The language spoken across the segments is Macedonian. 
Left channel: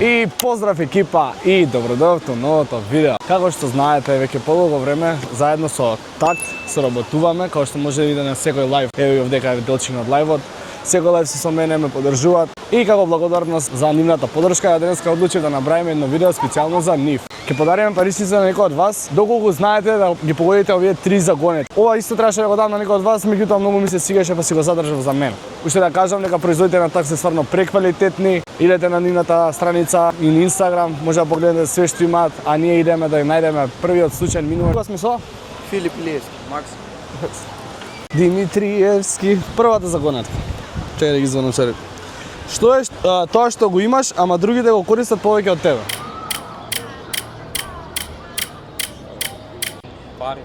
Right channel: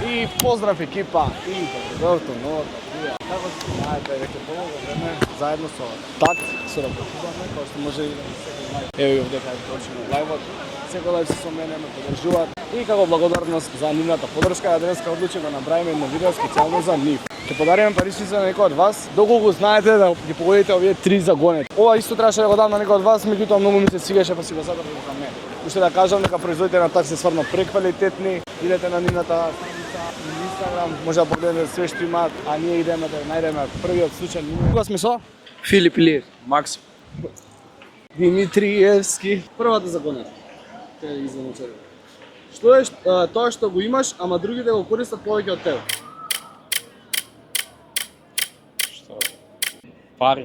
И поздрав екипа и добродојавте во новото видео. Како што знаете, веќе подолго време заедно со Такт соработуваме, како што може да видите на секој лајв. Ево и овдека е видеочиња од лајвот. Секој лајв со мене ме поддржуваат и како благодарност за нивната поддршка, денеска одлучив да направиме едно видео специјално за нив. Ќе подариме паричници на некој од вас, доколку знаете да ги погодите овие 3 загонети. Ова исто требаше да го дам на некој од вас, меѓутоа многу ми се свигаше па си го задржав за мен. Уште да кажам дека производите на Такт се стварно преквалитетни. Идете на нивната страница и на Инстаграм, може да погледнете све што имаат, а ние идеме да ја најдеме првиот случај минува. Кој сме со? Филип Илиевски, Макс. Димитриевски, првата загонетка. Чекај да ги звонам сега. Што е тоа што го имаш, ама другите го користат повеќе од тебе? Пари.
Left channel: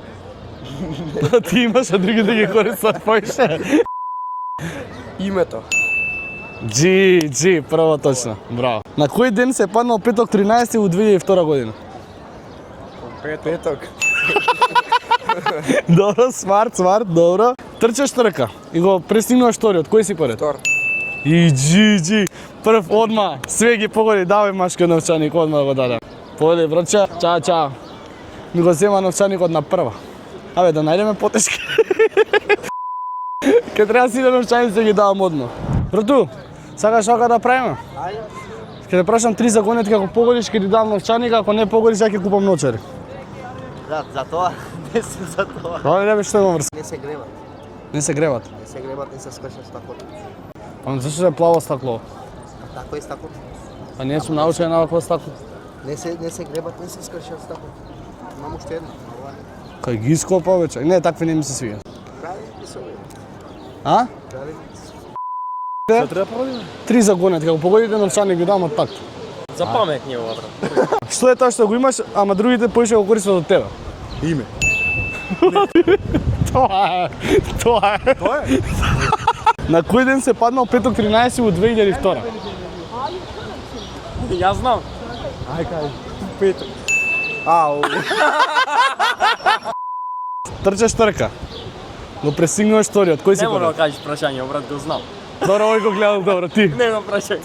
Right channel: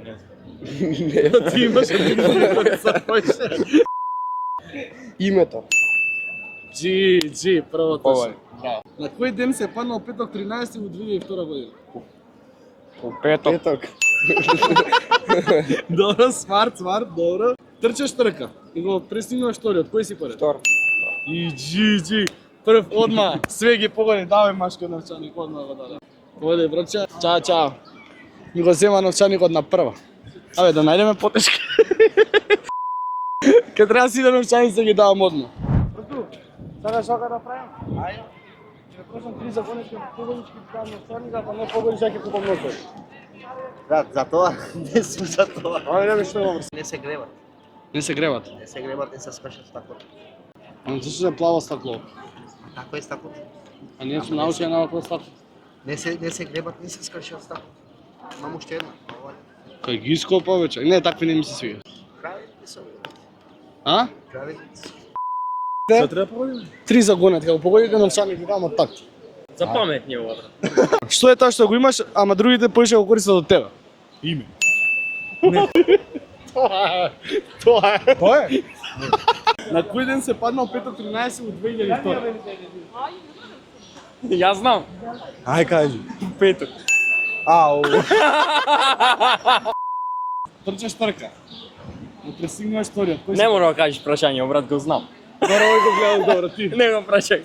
Ти имаш, а другите ги користат повеќе. Името. Джи, прво точно. Браво. На кој ден се паднал петок 13 во 2002 година? Петок. Добро, смарт, добро. Трчаш трка и го престигнуваш вториот. Кој си поред? Втор. И джи, прв одма. Све ги погоди, давај машка новчаник, одма да го дадам. Погоди, броча, чао. Ми го зема новчаникот на прва. Абе, да најдеме потешки. Ке треба си да новчаници ги давам одно. Брату, сакаш ока да правиме? Ајде. Ке те прашам 3 загонети, како погодиш, ке ти давам новчаник, ако не погодиш, ја ќе купам ночари. Брат, за тоа, не сме за тоа. Ова не што е во врска. Не се греват. Не се греват. Не се греват, не се скршат стакло. Ама зашто е плаво стакло? Тако е стакло. А не сум научен на овакво стакло. Не се греват, не се скршат стакло. Имам уште едно. Кај ги искал повеќе. Не, такви не ми се свига. Правилни се. А? Правилни. Што треба правиме? 3 загонети, како погодите новчаник ги давам од Такт. За паметни ова, брат. Што е тоа што го имаш, ама другите повеќе го користат од тебе? Име. Тоа е. На кој ден се паднал петок 13 во 2002? Јас знам. Ај кажи. Петок. Трчаш трка. Го престигнуваш вториот. Кој си Не мора да поред? кажеш прашање, брат, го знам. Добро, овој го гледам добро, ти. Не го прашај.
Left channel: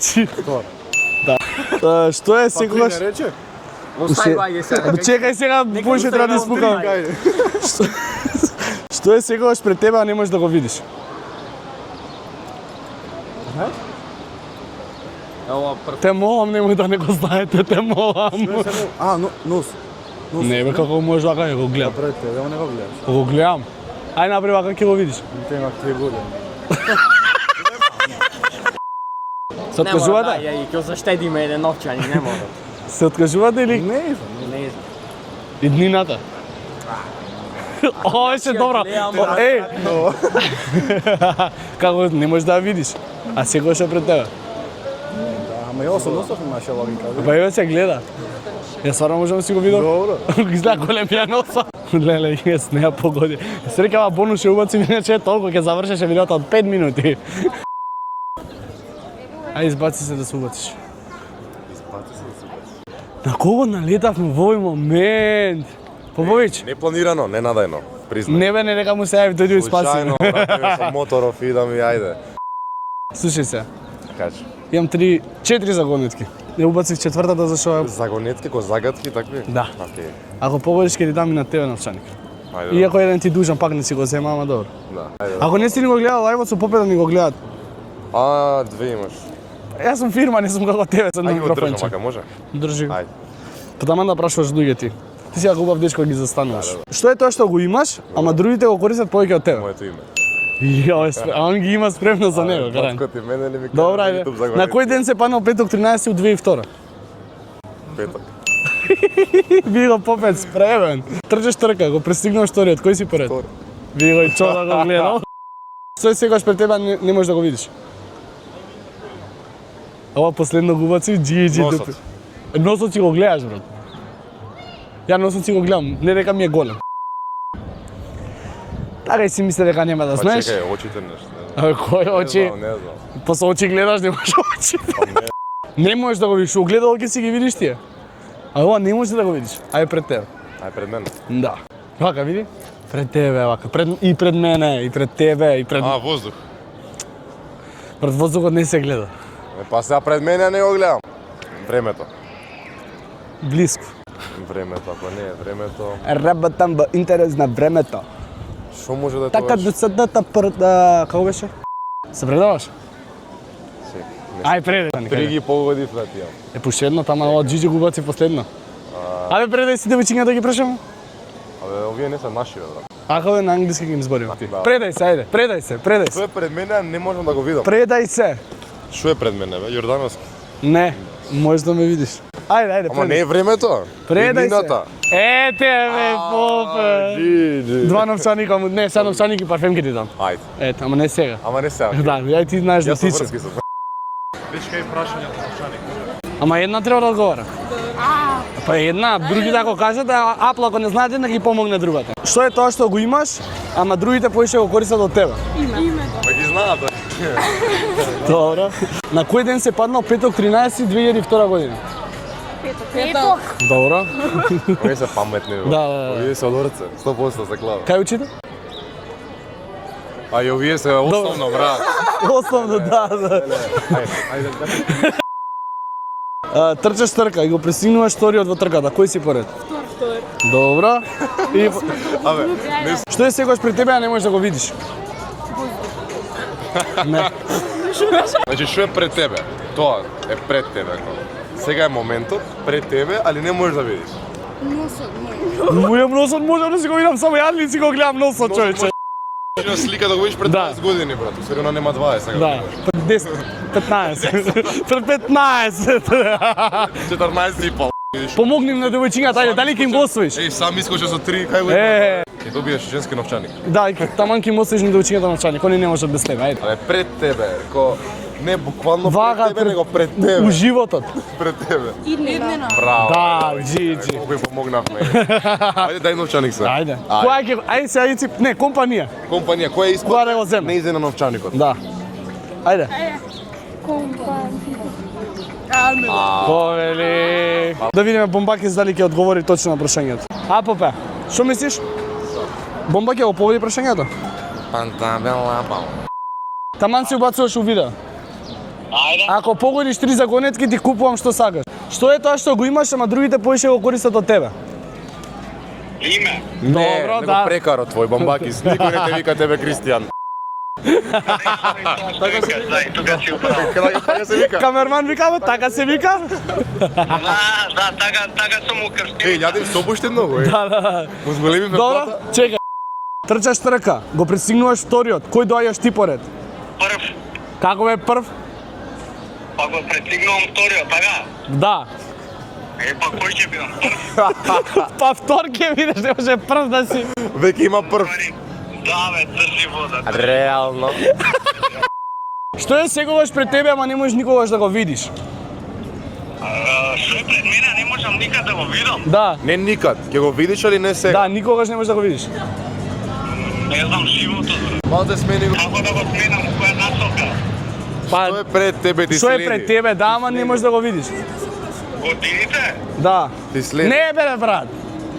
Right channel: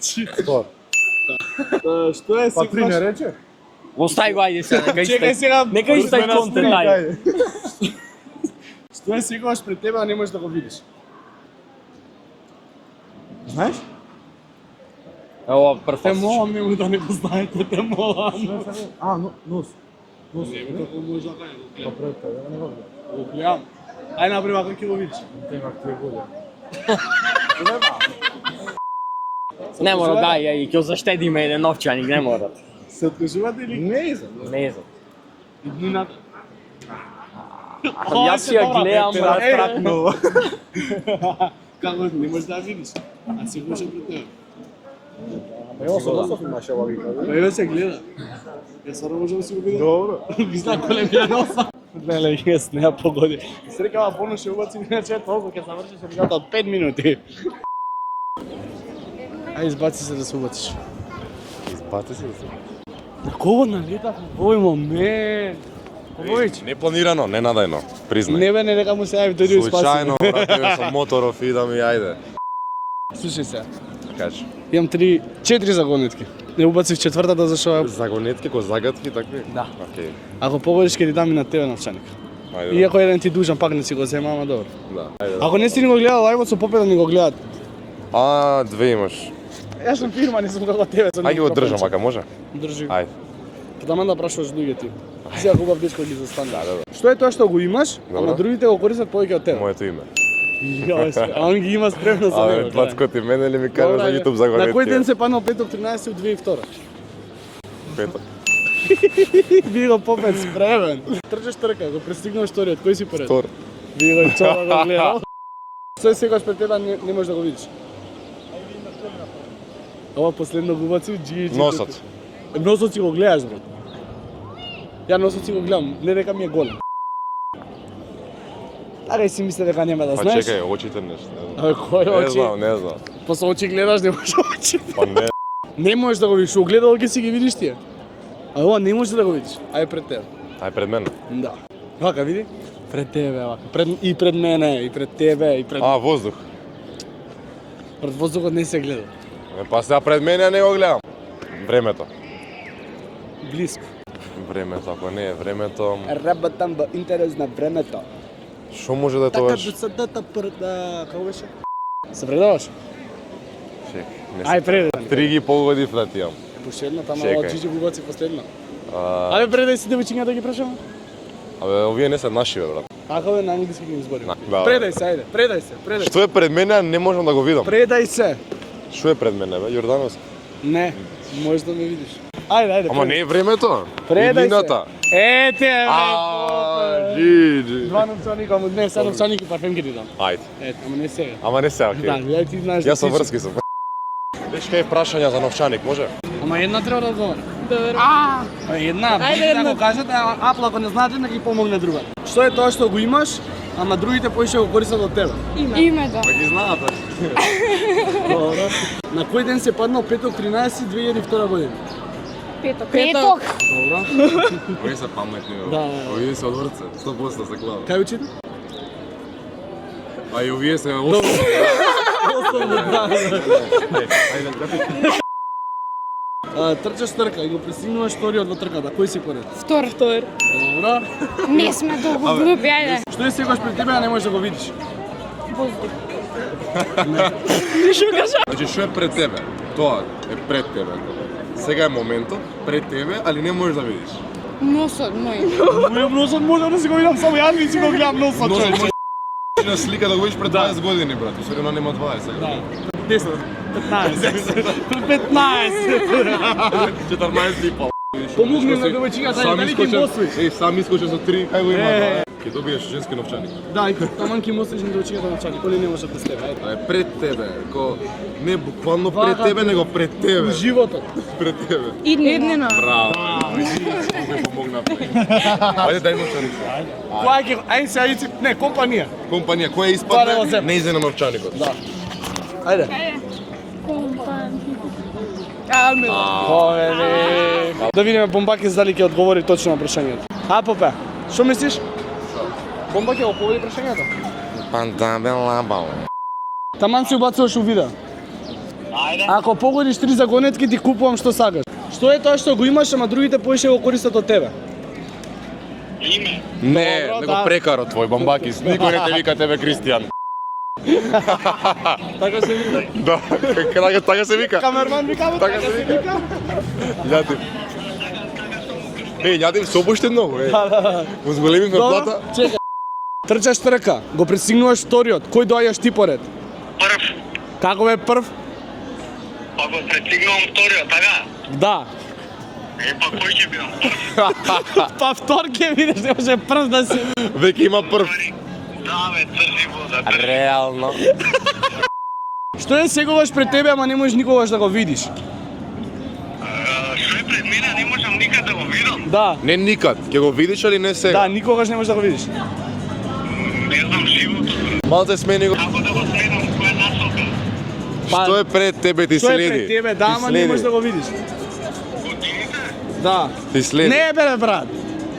Што е секогаш? Остави го, ајде сега. Чекај сега, Нека може Инстаграм да не спукам. ајде. Што е секогаш пред тебе, а не можеш да го видиш? Знаеш? Ова Те молам, немој да не го знаете, те молам. Нос. Не бе, како можеш да го гледам. Пред тебе, не го гледаш. Го гледам. Ај напри вака ќе го видиш. Те имак 2 години. Се Не мора, откажувате? дај, ќе заштедиме еден новчани, не мора. Се откажувате или Не, Не знам. иднината? Ова Јас се ја добра. гледам, брат, Е, но како не можеш да ја видиш, а секогаш е пред тебе. ама ја со носов имаше логика. Па ја се гледа. Ја стварно можам да си го видам. Добро. Изгледа голем ја носа. Леле, јас не ја погоди. Срекава бонус ќе убаци, иначе е толку ќе завршеше видеото од 5 минути. Ај избаци се да се убациш. Пати се. На кого налетавме во овој момент? Побович? Непланирано, ненадајно, признај. Не бе, не дека му се јави дојде и спаси. Случајно, со моторов и да ми ајде. Слушај се, Кажи. имам 4 загонетки. Не убацив четвртата зашо Загонетки, ко загадки, такви? Да. Океј. ако погодиш ќе ти дам и на тебе новчаник. Ајде. Иако еден ти дужан, пак не си го зема, ама добро. Да. Ајде. Ако не си ни го гледал лајвот, со попет да ни го гледат. А, 2 имаш. Јас сум фирма, не сум како тебе со Ајде го држам, ака може? Држи. Ајде. Па таман да прашуваш луѓе ти. Ти си хубав дечко ги застануваш. Што е тоа што го имаш, ама другите го користат повеќе од тебе? Моето име. Јој, а он ги има спремно за мене. гледај. Татко ти мене ли ми Добра, кажа за е. YouTube загонетки? На кој ден се паднал петок 13 од 2002? Петок. Би го попет спремен. Трчаш трка, го престигнуваш вториот, кој си поред? Втор. Би го и чува го гледал. Што секогаш пред тебе не можеш да го видиш? Ова последно го убаци, джи. Носот. Носот си го гледаш, брат. Ја носот си го гледам, не дека ми е голем. Така си мисля дека нема да Па знаеш. чекај, очите нешто. А, кој Не очи? знам, не знам. Па со очи гледаш, не можеш очи. Па не. Не можеш да го видиш, огледало ќе си ги видиш тие. А ова не можеш да го видиш, ај пред тебе. Ај пред мене. Да. Вака види? Пред тебе, вака. И пред мене, и пред тебе, и пред... А, воздух. Пред воздухот не се гледа. Па сега пред мене не го гледам. Времето. Близко. Времето, ако не е времето, Работам во интерес на времето. што може да Така тоа? до садата како беше? Се предаваш? Чек, не Ај преди. 3 ги погоди флетијам. Е последно, тама Чекај. од Джиджи го баци последно. Абе преди си девојчиња да ги прашам. Абе, овие не се наши, бе, брат. Ако бе на англиски ги им зборим. Да. Предај се, ајде, предај се, предај се. Што е пред мене, не можам да го видам. Предај се. Што е пред мене, бе? Јордановски. Не, можеш да ме видиш. Ајде, ајде. Ама не е времето. Предај Иднината. се. Ете, бе, попе. Джиджи. Два новчаника, не, сега новчаник и парфем ги ти дам. Ајде. Ето, ама не сега. Ама не сега. Да, ја ти знаеш да Јас сум ти. врски со. Виж кај прашања за новчаник, може? Ама една треба да одговара. Па една, други да го кажат, а Апл ако не знаете да ги помогне другата. Што е тоа што го имаш, ама другите поише го користат од тебе? Името. Па ги знаат, бе. Добро. На кој ден се паднал петок 13 2002 година? Петок. Добро. Не се паметни, бе. Да. Овие се од орце, 100% се клада. Кај учите? А и овие се основно, брат. Основно, да. Трчаш трка и го пресигнуваш вториот во трката. Кој си поред? Втор. Добро. Не сме долго глупи, ајде. Што е секогаш пред тебе, а не можеш да го видиш? Значи, што е пред тебе? Тоа е пред тебе. Сега е моментот, пред тебе, али не можеш да видиш. Носот мој. Мојот носот може да си го видам само јас не си го гледам носот, човече. Може слика да го видиш пред Да. 20 години, брат. Усвари, она нема 20 сега. Да, 10, 15. Пред 15. 14 и пол. Помогни на девојчињата, ајде, дали ќе им го освоиш? Ей, сам искоче со 3, кај го има? Е. И добиеш женски новчаник. Да, и таман ќе им освоиш на девојчињата новчаник, они не можат без тебе, ајде. Але пред тебе, не буквално Вага пред тебе, него пред У тебе. животот. Пред тебе. Иднина. Браво. Да, Джиджи. Ме помогнавме. Ајде дај новчаник се. Ајде. Која ќе, ајде се, ајде, не, компанија. Компанија, која Која испадне, не го земе? не иде на новчаникот. Да. Ајде. Повели. Да видиме Бомбакес дали ќе одговори точно на прашањето. А, Попе, што мислиш? Бомба ќе го повели прашањето? Таман си убацуваш у видео. Ако погодиш 3 загонетки, ти купувам што сакаш. Што е тоа што го имаш, ама другите поише го користат од тебе? Не, Добро, него да. прекарот твој Бомбакис. Никој не те вика тебе Кристијан. Така се вика. Така се вика. Камерман вика, така се вика? Да, така сум му крстил. Ей, јадим собоштедно го, е. Му зголемивме плата. Чекај. Трчаш трка, го пресигнуваш вториот. Кој доаѓаш ти поред? Прв, Како бе прв? па го престигнувам вториот, така? Да. Е, па кој ќе бидам прв? Па втор ќе видиш, не може прв да си. Веќе има прв. Пари. Да, бе, држи вода. Реално. Што е сегуваш пред тебе, ама не можеш никогаш да го видиш? Што е пред мене, не можам никад да го видам. Да. Не никад. Ќе го видиш али не сега? Да, никогаш не можеш да го видиш. Не знам животот. Малте смени го. Како да го сменам, у која насока? Па, Што е пред тебе, ти што следи. е пред тебе, да, Ти ама не следи. можеш да го видиш. Годините? Да. Ти следи. Не бе, брат.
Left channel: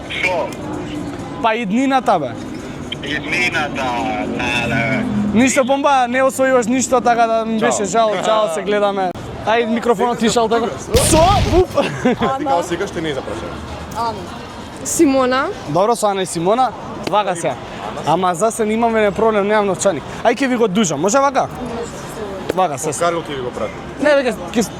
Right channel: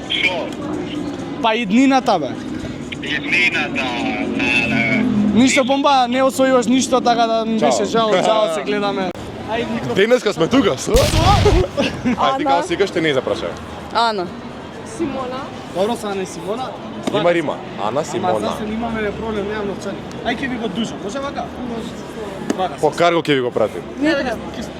Што? Па иднината, бе. Иднината, леле. Ништо Бомба, не освојуваш ништо, така да ми беше жал, чао, се гледаме. Ај, микрофонот ти Денеска шал. сме тука. Ти као сега ще не запрашав. Ана. Симона. Добро, со Ана и Симона. Вака се. Рима. Ана, Ама Симона. за се немаме не проблем, немам новчаник. Ај ќе ви го дужам, може вака? Вака По се. карго ќе ви го пратим.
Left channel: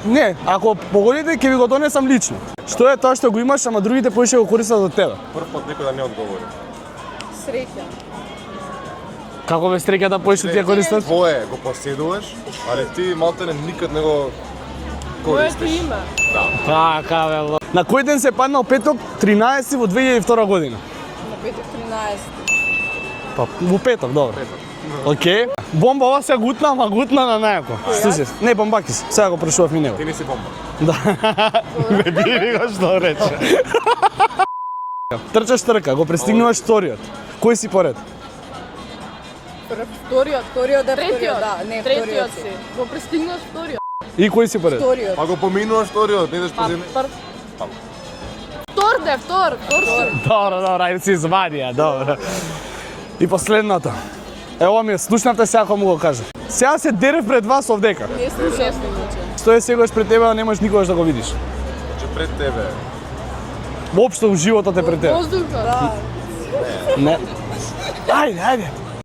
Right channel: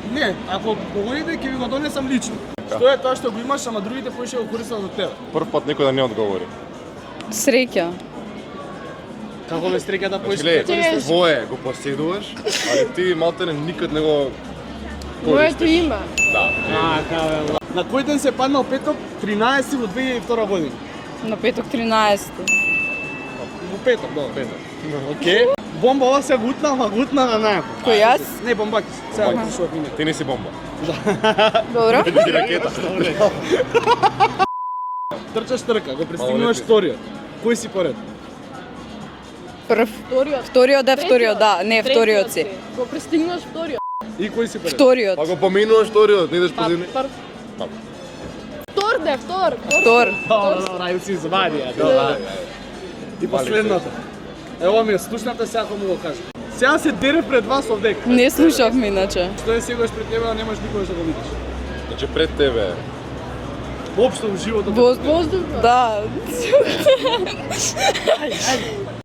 Не, ако погодите ќе ви го донесам лично. Што е тоа што го имаш, ама другите поише го користат од тебе? Прв пат некој да не одговори. Среќа. Како ве стреката поише ќе користат? Твое го поседуваш, али ти малте никад не го Моето име. Така бе. На кој ден се паднал петок 13 во 2002 година? На петок 13. Па во петок, добро. Океј. Бомба ова се гутна, ама гутна на најако. Кој, јас? Слушај, не, Бомбакис. Сега го прашував и него. Ти не си бомба. Добро. Што рече? Трчаш трка, го престигнуваш вториот. Кој си поред? Прв. Вториот. Вториот е вториот, да. Не, вториот си. Го пристигнуваш вториот. И кој си поред? Вториот. Па го поминуваш вториот, идеш по земја. Втор де, втор. Втор. Добро, добро, ајде си извадија, добро. И последната. Ево ми, слушнавте сега кога му го кажа. Сега се дерев пред вас овдека. Не слушавме иначе. Што е сегаш пред тебе, а не можеш никогаш да го видиш. Значи пред тебе. Воопшто у животот е пред тебе. Воздуха. Да.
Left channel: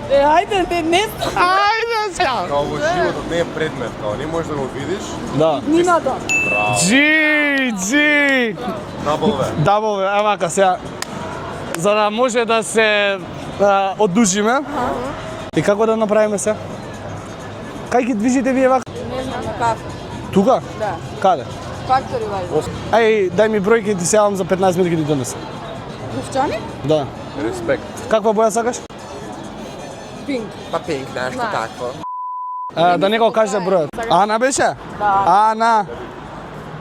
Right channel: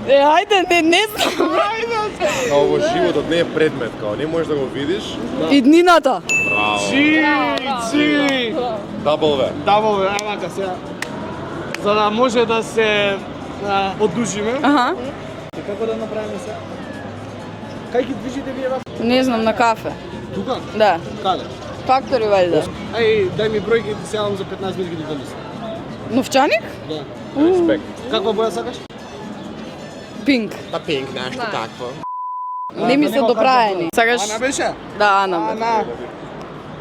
Ајде, не знам. Као во животот не е предмет, као не можеш да го видиш. Иднината. Джи! W. Дабл, амака сега. За да може да се оддушиме. И како да направиме се? Кај ги движите вие вака? Не знам, на кафе. Тука? Да. Каде? Фактори валјда. Ај, дај ми број, ќе ти се јавам за 15 минути ќе ти донесам. Новчаник? Да. Респект. Каква боја сакаш? Пинк. Па пинк, нешто такво. Не ми да се не го кажа доправени. број. Сакаш? Ана беше? Да, Ана. Ана.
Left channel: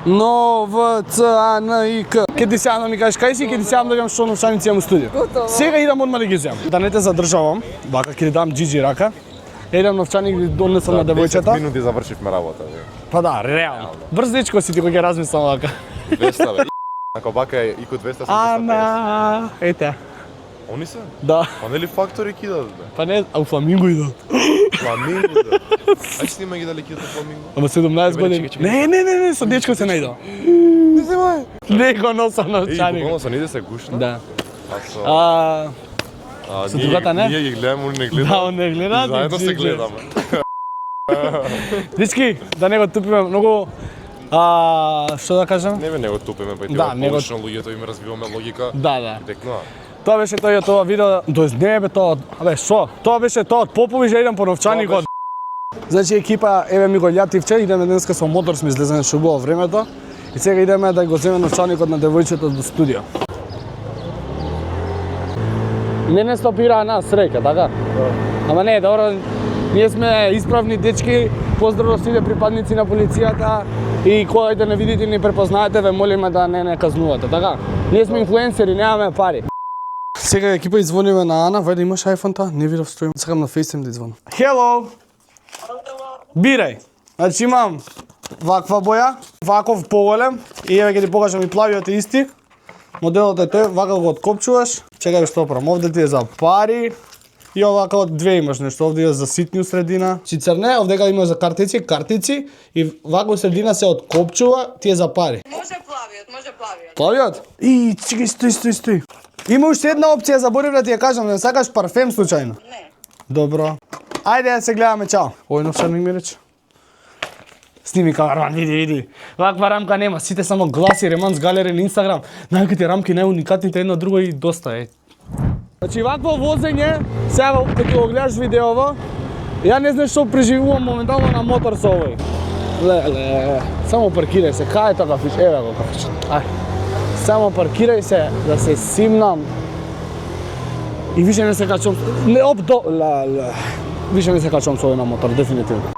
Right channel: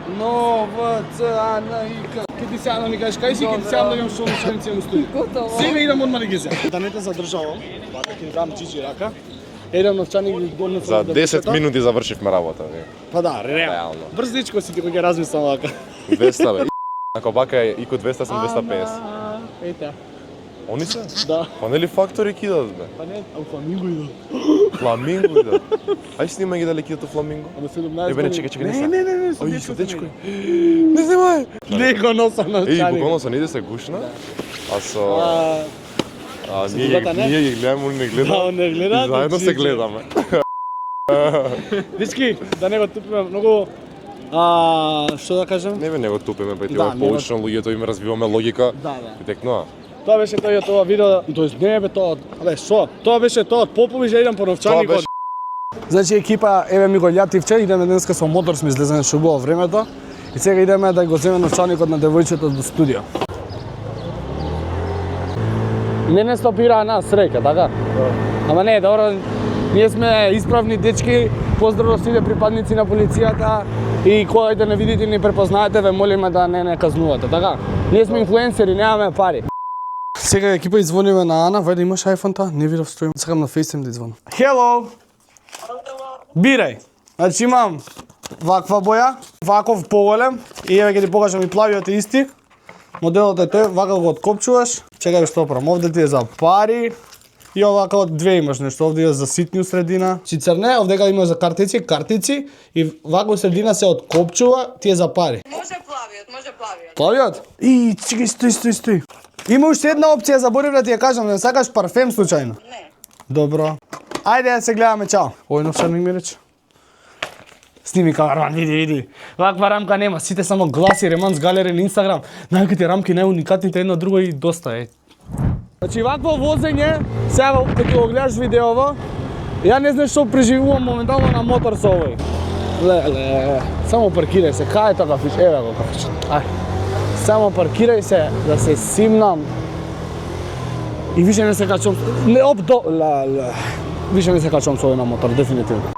Но, В, Ц, А, Н, И, К. Ке ти се јавам да ми кажеш кај си, ке ти се јавам да имам што новчаници имам у студио. Готово. Сега идам одма да ги земам. Да не те задржавам, вака ќе ти дам джиджи рака. Едам новчаник да донесам на 10 девојчето. минути завршивме работа, бе. Па да, реално. Брз дечко си ти кога ќе размислам вака. 200, бе. Ако бака е ико 200, сум 250. Ана, ете. Они се? Да. Па нели фактори кидат, бе? Па не, а у Фламинго идат. Фламинго идат. Ај снима ги дали кидат Фламинго. Ама 17 Чекај, години. чекај, Не, со дечко се најдал. Не снимај. Не го носам Еј, новчаник. буквално со не се гушна. Да. А со... Со ние другата не? ги гледаме, они не Да, гледаме. он не гледа. И заедно се ние гледаме. Дички, да не го тупиме многу. Што да кажем? Не бе, не го тупиме, па ти Да, го не го- поучно луѓето им развиваме логика. Да, да. И текнува. Тоа беше тоа видео, тоест не бе тоа, абе шо? Тоа беше тоа од Попови, ја идам по новчаникот. Значи екипа, еве ми го љативче, идеме денеска со мотор, сме излезени што убаво времето. И сега идеме да го земеме новчаникот на девојчето до студио. Не стопира нас среќа, така? Ама не, добро, ние сме исправни дечки, поздрав сите припадници на полицијата и кој да не видите и не препознаете, ве молиме да не казнувате, така? Ние сме инфлуенсери, немаме пари. Сега екипа извониме на Ана, вајде имаш iPhone та? Не видов строим. Сакам на FaceTime да извонам. Hello! Бирај. Значи имам ваква боја, ваков поголем и еве ќе ти покажам и плавиот е исти. Моделот е тој, вака го откопчуваш. Чекај што прам, овде ти е за пари. И овака од две имаш нешто, овде е за ситни у средина. Цицерне, овдека има за картици и вака у средина се откопчува, ти е за пари. Може плавиот. Плавиот? И чекај, стои. Има уште една опција, заборив да ти ја кажам, не сакаш парфем случајно? Не. Добро. Ајде да се гледаме, чао. Ој новчаник ми рече. Сними камерман, види. Ваква рамка нема, сите само гласи, ремонт с галери на Инстаграм. Најаките рамки, најуникатните едно друго и доста е. Значи вакво возење, сега кога го гледаш видеово, ја не знаеш што преживувам моментално на мотор со овој. Леле, само паркирај се, кај е тоа кафич? Еве го кафич. Ај. Само паркирај се, да се симнам. И више не се качувам. Не, више не се качувам со овој на мотор, дефинитивно.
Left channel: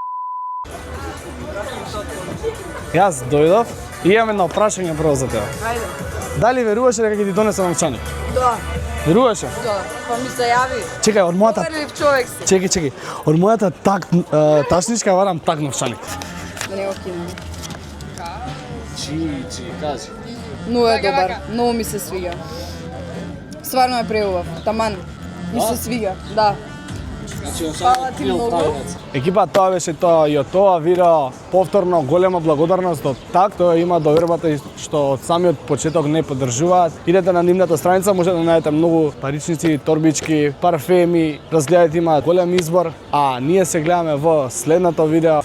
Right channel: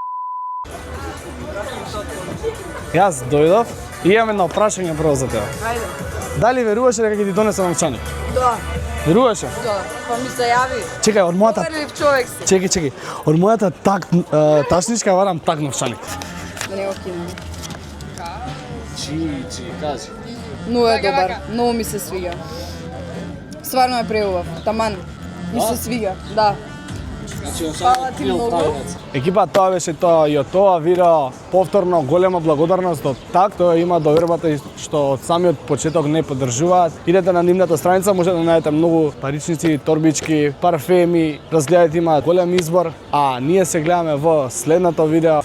Јас дојдов и имам едно прашање прво за тебе. Ајде. Дали веруваш дека ќе ти донесам новчаник? Да, Веруваше? да. Па ми се јави. Чекај, од мојата... Првиот човек си. Чекај. Од мојата тачничка варам так новчаник. Да не го кинем. Чи, кажи. Многу е добар, многу ми се свига. Стварно е преубав, таман. Ми се свига, да. Фала ти многу. Екипа, тоа беше тоа и од тоа видео. Повторно голема благодарност од так, тоа има довербата и што од самиот почеток не поддржуваат. Идете на нивната страница, може да најдете многу паричници, торбички, парфеми, разгледајте, има голем избор. А ние се гледаме во следното видео.